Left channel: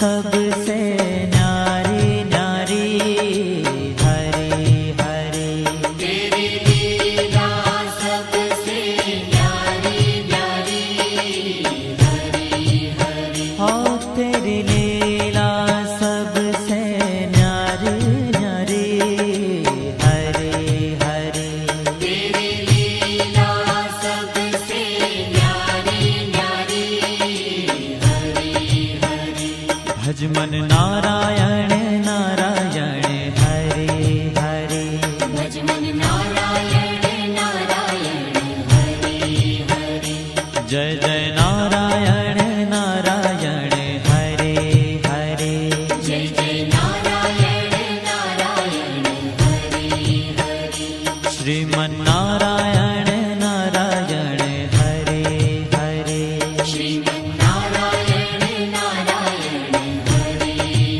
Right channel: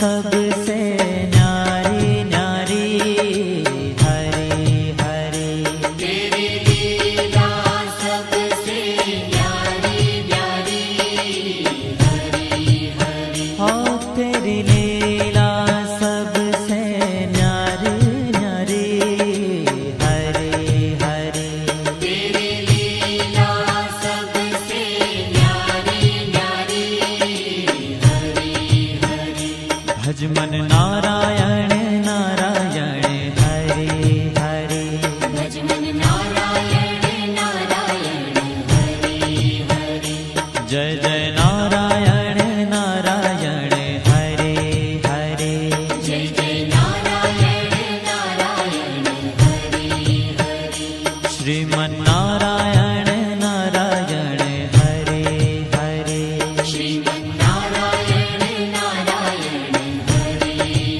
सबसे न्यारी न्यारी हरे हरे। तेरी लीला सबसे न्यारी न्यारी हरे हरे। हो तेरी लीला सबसे न्यारी न्यारी हरे हरे। तेरी लीला सबसे न्यारी न्यारी हरे हरे। भज मन नारायण नारायण हरे हरे। भज मन नारायण नारायण हरे हरे। जय जय नारायण नारायण हरे हरे। जय जय नारायण नारायण हरे हरे। श्रीमन नारायण नारायण हरे हरे। श्रीमन नारायण नारायण हरे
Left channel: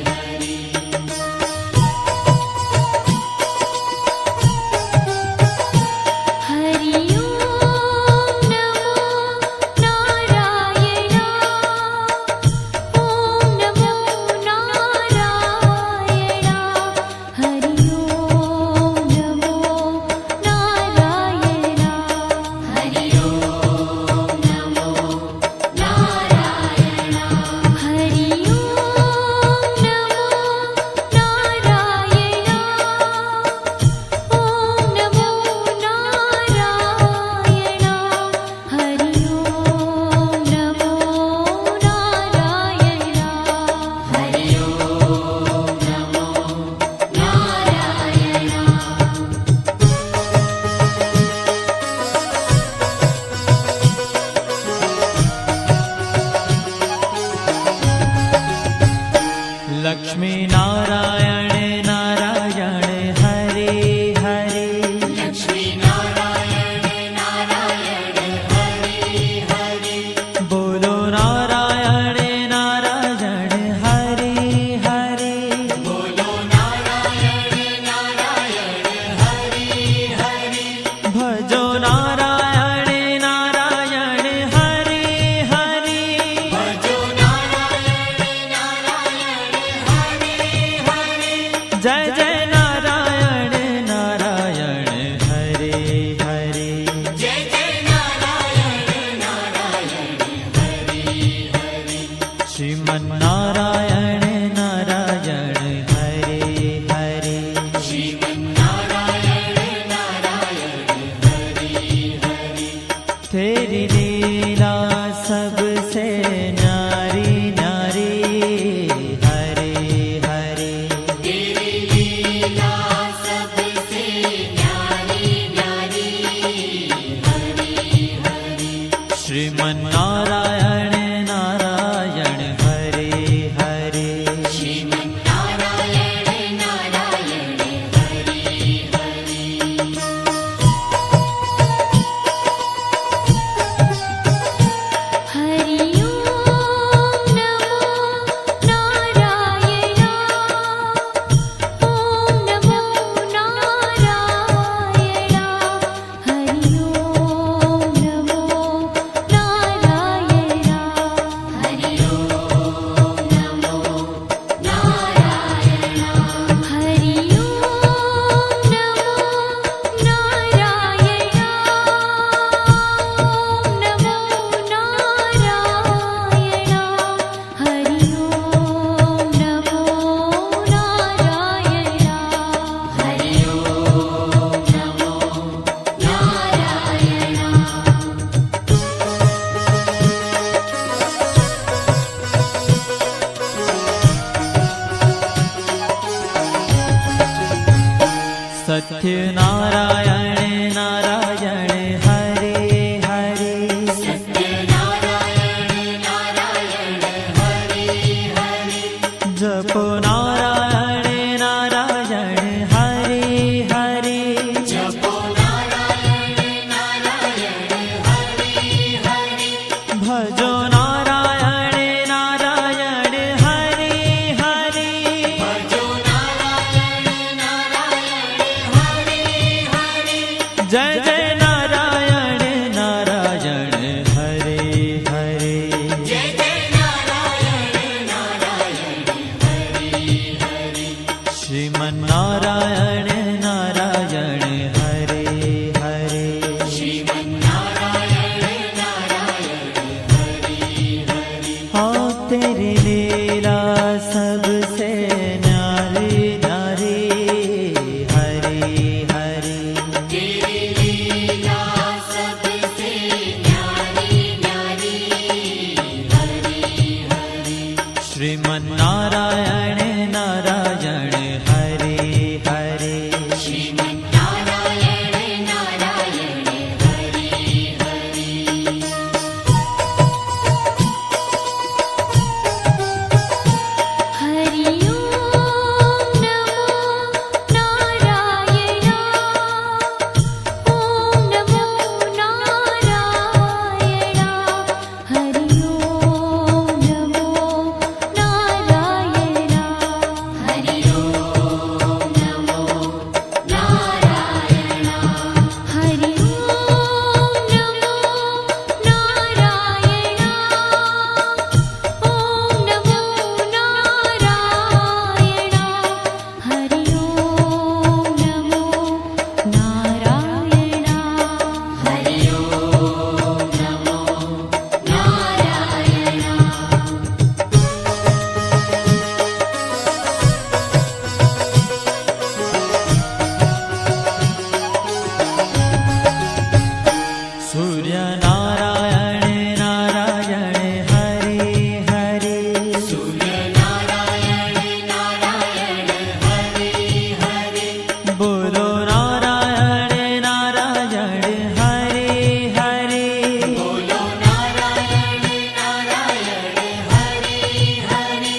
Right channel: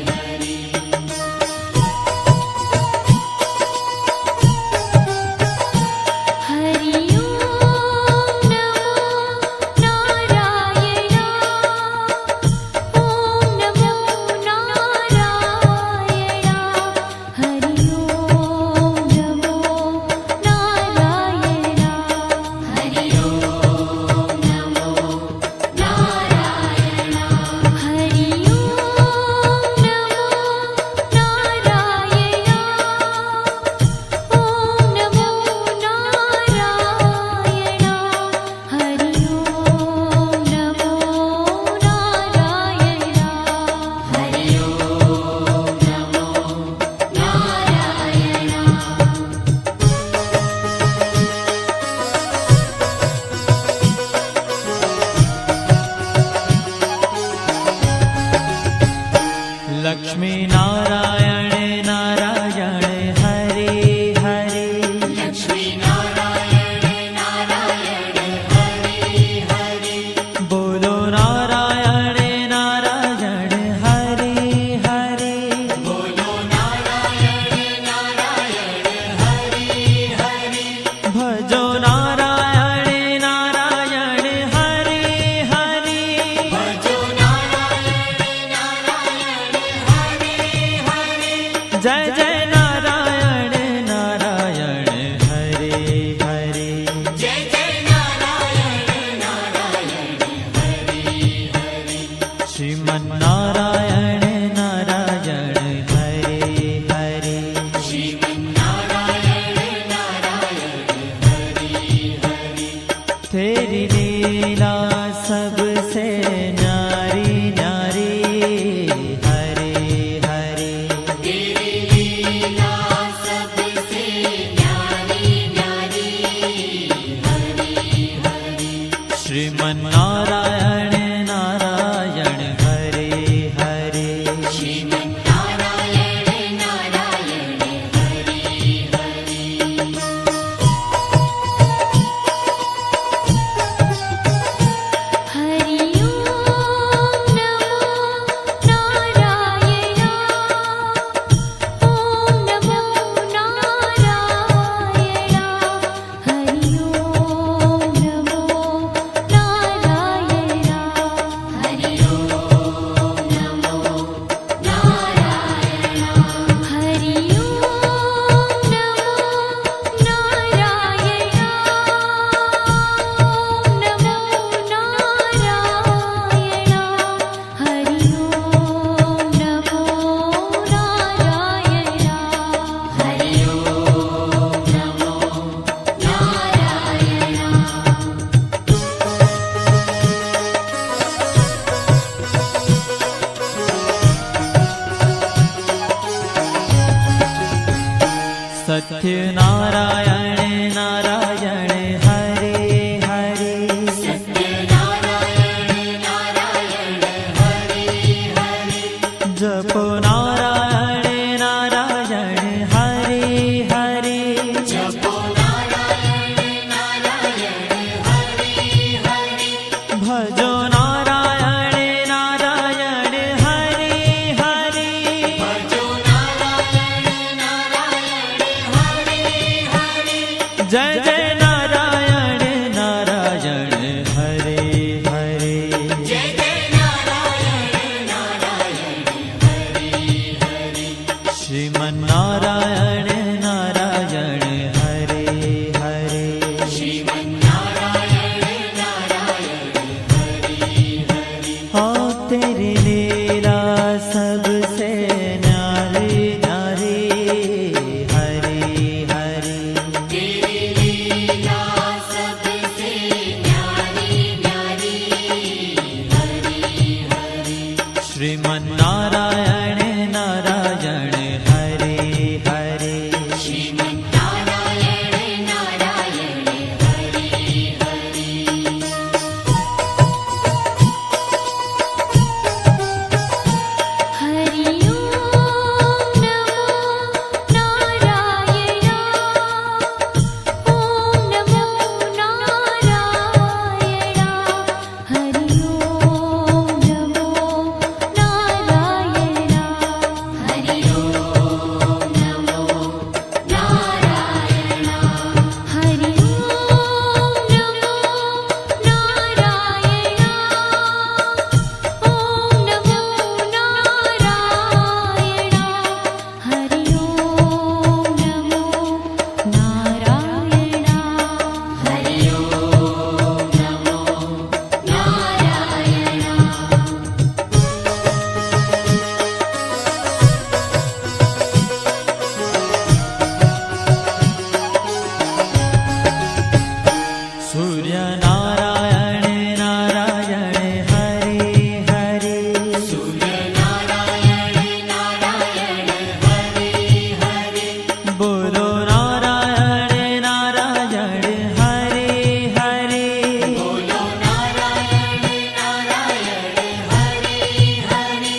हरे। हरि ओम नमो नारायण। ओम नमो नारायण। हरि ओम नमो नारायण। हरि ओम नमो नारायण। हरि ओम नमो नारायण। ओम नमो नारायण। हरि ओम नमो नारायण। हरि ओम नमो नारायण। लक्ष्मी नारायण नारायण हरे हरे। लक्ष्मी नारायण नारायण हरे हरे। बोलो नारायण नारायण हरे हरे। बोलो नारायण नारायण हरे हरे। भजो नारायण नारायण हरे हरे। भजो नारायण नारायण हरे हरे। जय जय नारायण नारायण हरे हरे। जय जय नारायण नारायण हरे हरे। श्रीमन नारायण नारायण हरे हरे। श्रीमन नारायण नारायण हरे हरे। तेरी लीला सबसे न्यारी न्यारी हरे हरे। तेरी लीला सबसे न्यारी न्यारी हरे हरे। श्रीमन नारायण नारायण हरे हरे। श्रीमन नारायण नारायण हरे हरे। हरि ओम नमो नारायण। ओम नमो नारायण। हरि ओम नमो नारायण। हरि ओम नमो नारायण। हरि ओम नमो नारायण। ओम नमो नारायण। हरि ओम नमो नारायण। हरि ओम नमो सत्य नारायण नारायण हरे हरे। सत्य नारायण नारायण हरे हरे। जपो नारायण नारायण हरे हरे। जपो नारायण नारायण हरे हरे। भजो नारायण नारायण हरे हरे। भजो नारायण नारायण हरे हरे। जय जय नारायण नारायण हरे हरे। जय जय नारायण नारायण सबसे न्यारी न्यारी हरि हरि तेरी लीला सबसे न्यारी न्यारी हरि हरि श्रीमन्नारायण नारायण हरि हरि श्रीमन्नारायण नारायण हरि हरि हरि ओम नमो नारायण ओम नमो नारायण हरि ओम नमो नारायण हरि ओम नमो नारायण हरि ओम नमो नारायण ओम नमो नारायण हरि ओम नमो नारायण हरि ओम नमो नारायण सूर्य नारायण नारायण हरि हरि सूर्य नारायण नारायण हरि हरि बोलो नारायण नारायण हरि हरि बोलो नारायण नारायण हरि हरि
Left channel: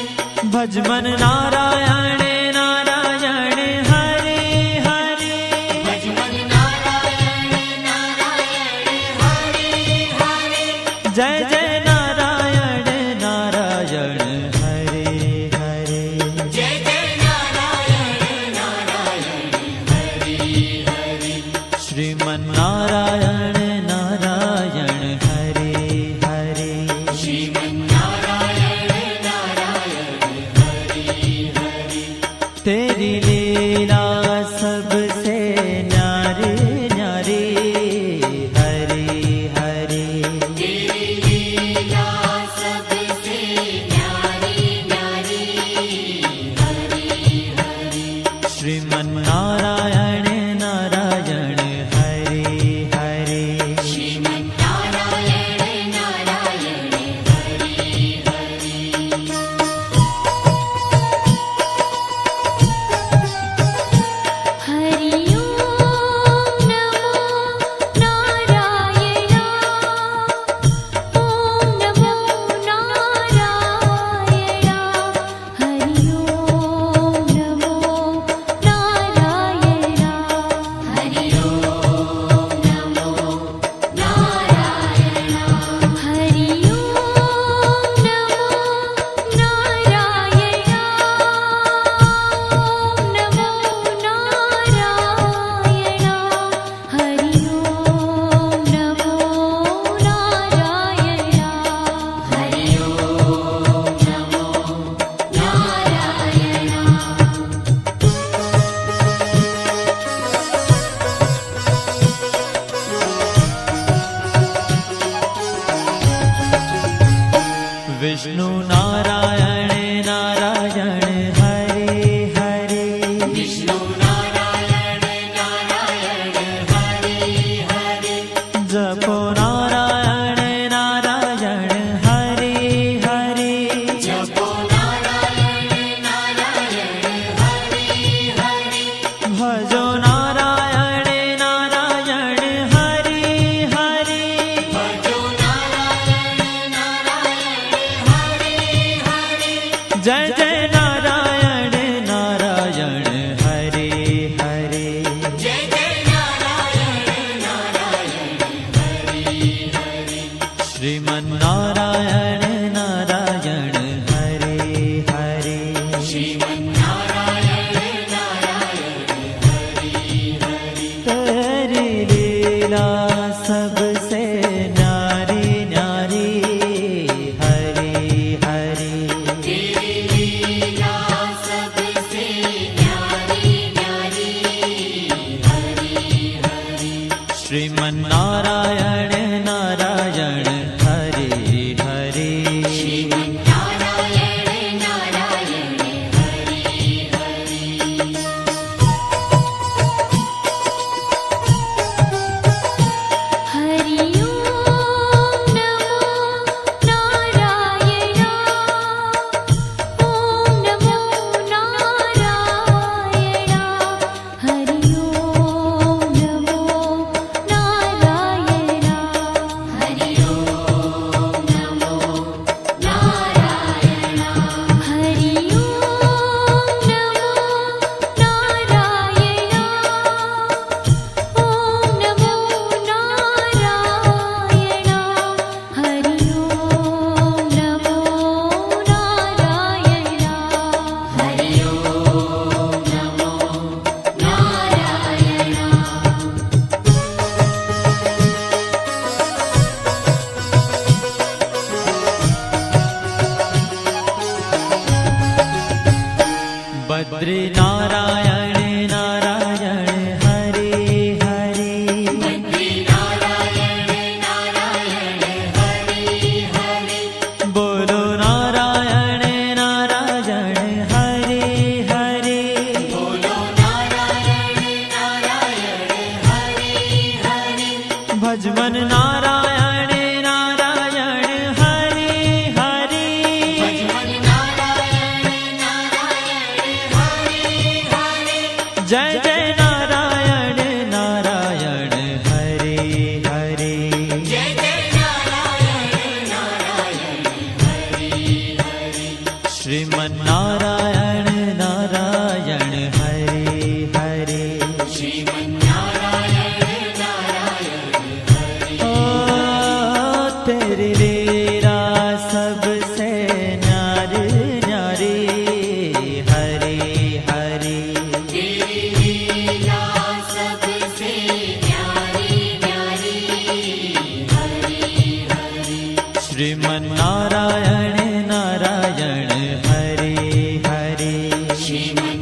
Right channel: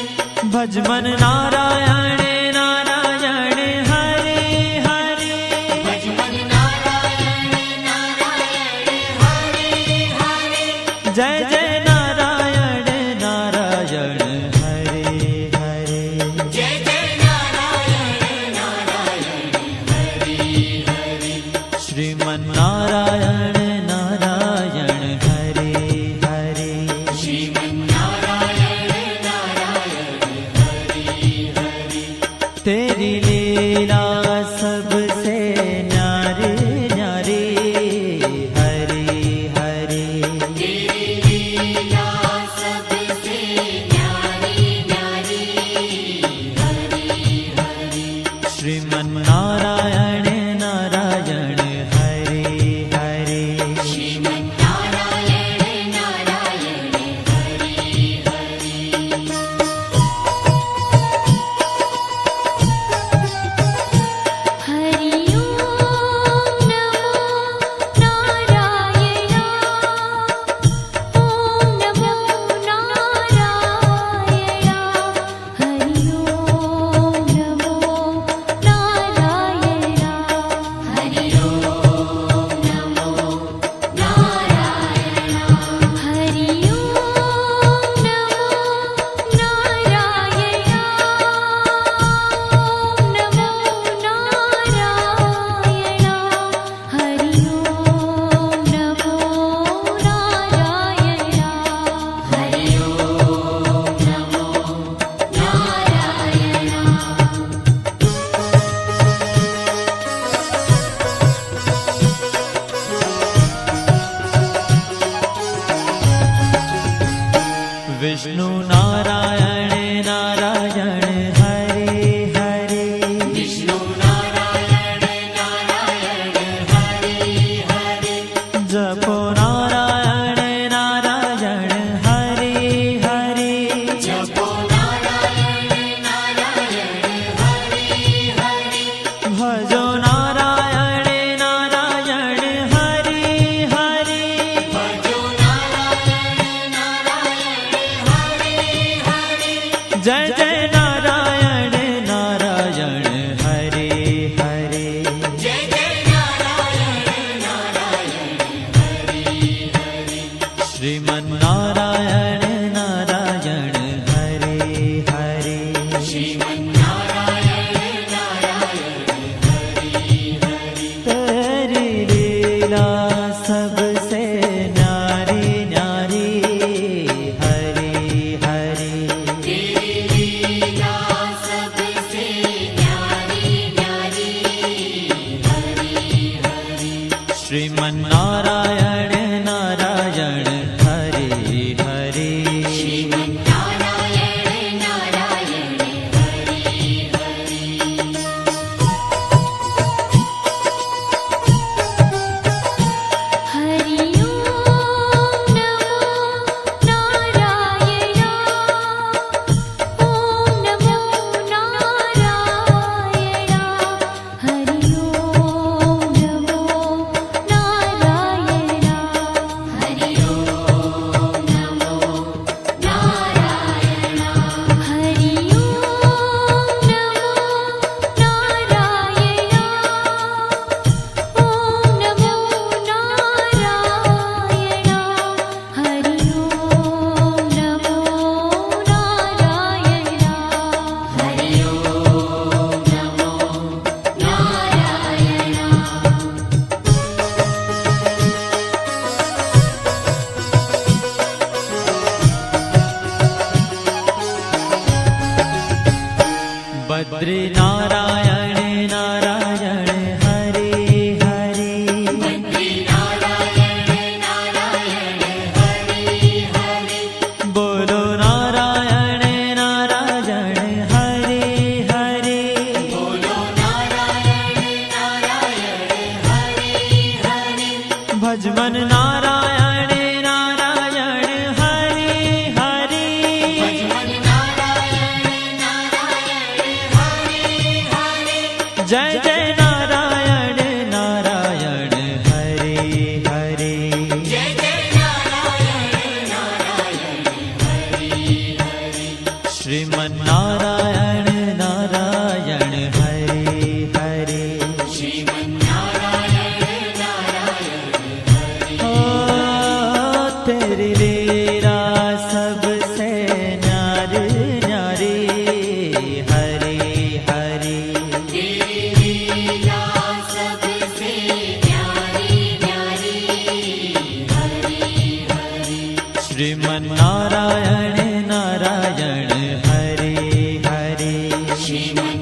भजमन नारायण नारायण हरि हरि भजमन नारायण नारायण हरि हरि जय जय नारायण नारायण हरि हरि जय जय नारायण नारायण हरि हरि श्रीमन्नारायण नारायण हरि हरि श्रीमन्नारायण नारायण हरि हरि तेरी लीला सबसे न्यारी न्यारी हरि हरि तेरी लीला सबसे न्यारी न्यारी हरि हरि श्रीमन्नारायण नारायण हरि हरि श्रीमन्नारायण नारायण हरि हरि हरि ओम नमो नारायण ओम नमो नारायण हरि ओम नमो नारायण हरि ओम नमो नारायण हरि ओम नमो नारायण ओम नमो नारायण हरि ओम नमो नारायण हरि ओम नमो नारायण विष्णु नारायण नारायण हरि हरि विष्णु नारायण नारायण हरि हरि जपो नारायण नारायण हरि हरि जपो नारायण नारायण हरि हरि भजो नारायण नारायण हरि हरि भजो नारायण नारायण हरि हरि जय जय नारायण नारायण हरि हरि जय जय नारायण नारायण हरि हरि श्रीमन्नारायण नारायण हरि हरि श्रीमन्नारायण नारायण हरि हरि तेरी लीला सबसे न्यारी न्यारी हरि हरि तेरी लीला सबसे न्यारी न्यारी हरि हरि श्रीमन्नारायण नारायण हरि हरि बद्री नारायण नारायण हरे हरे बद्री नारायण नारायण हरे हरे बोलो नारायण नारायण हरे हरे बोलो नारायण नारायण हरे हरे भजमन नारायण नारायण हरे हरे भजमन नारायण नारायण हरे हरे जय जय नारायण नारायण हरे हरे जय जय नारायण नारायण हरे हरे श्रीमन नारायण नारायण हरे हरे श्रीमन्नारायण नारायण हरे ओ तेरी लीला सबसे न्यारी न्यारी हरे हरे तेरी लीला सबसे न्यारी न्यारी हरे हरे श्रीमन नारायण नारायण हरे हरे श्रीमन्